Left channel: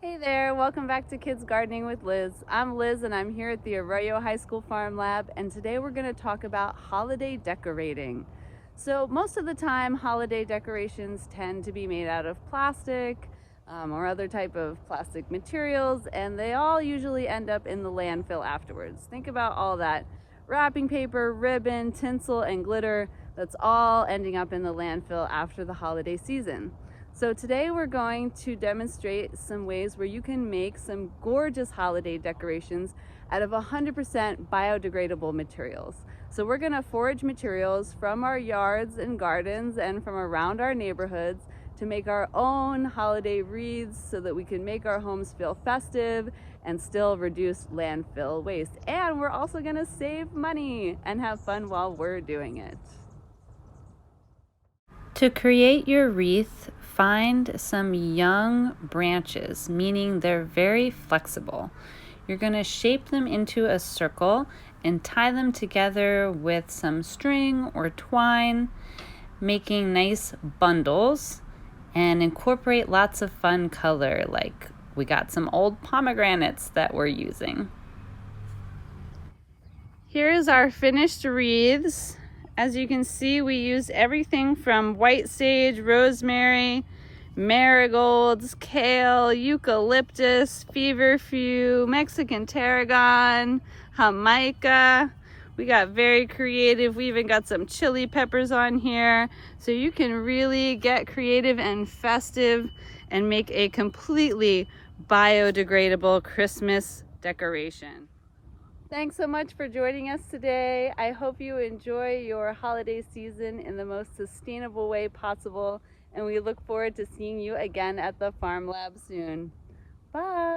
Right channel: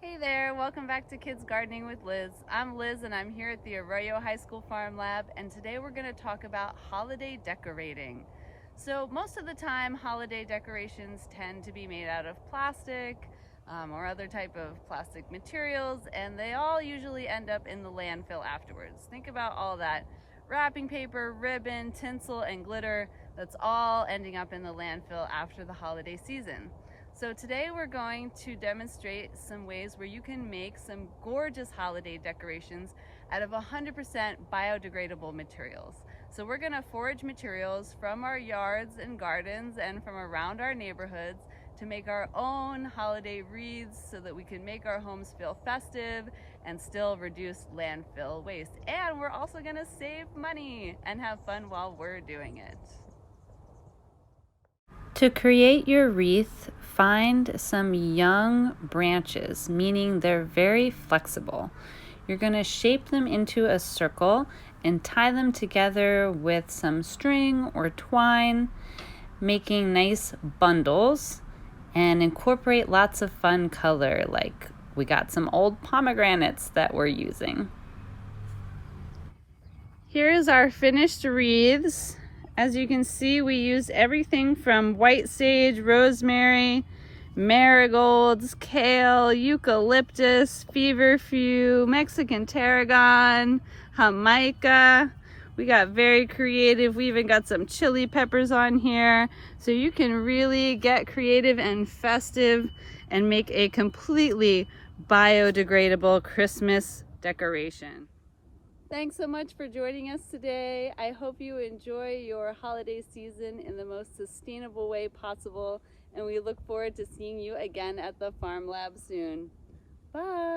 Hey there, welcome back to Kids Gardening with Liz. I'm Liz and I'm here at the Arroyo High School Farm Lab, and today we're going to talk about holiday decorating. So most of the time holiday decorations tend to be made out of plastic or other type of plastic materials, and they all usually end up in the landfill afterwards. Think about all that wrapping paper, ribbon, tinsel, and glitter that's all ending up in the landfill after the holiday season. So today we're going to demonstrate some ways where you can make some gorgeous holiday decorations out of 100% biodegradable materials. So we're going to forage materials from our yards and gardens and from around our neighborhoods to make our own holiday wreaths so that we can make our homes feel festive and still reduce landfill waste. And we're also going to save money and have fun while we're doing it. To create your wreath, find some young branches, meaning they're very flexible. You're going to shape them into a circle and tie them together with some string or twine, making nice bundles, and incorporate lots of fun color, like we got some old pomegranates that we're using. Here's our finished wreaths. As you can see, we used everything from white sage, rosemary, marigolds, kale, eucalyptus, feverfew, Mexican tarragon, jamaica. We got very creative. We even got some chili peppers on here. So you can really get creative and festive and make a completely biodegradable Christmas decoration. Thanks so much for joining us today. I hope you enjoy your holiday season in the most sustainable way possible, and we look forward to seeing you again at the Farm Lab soon. Bye!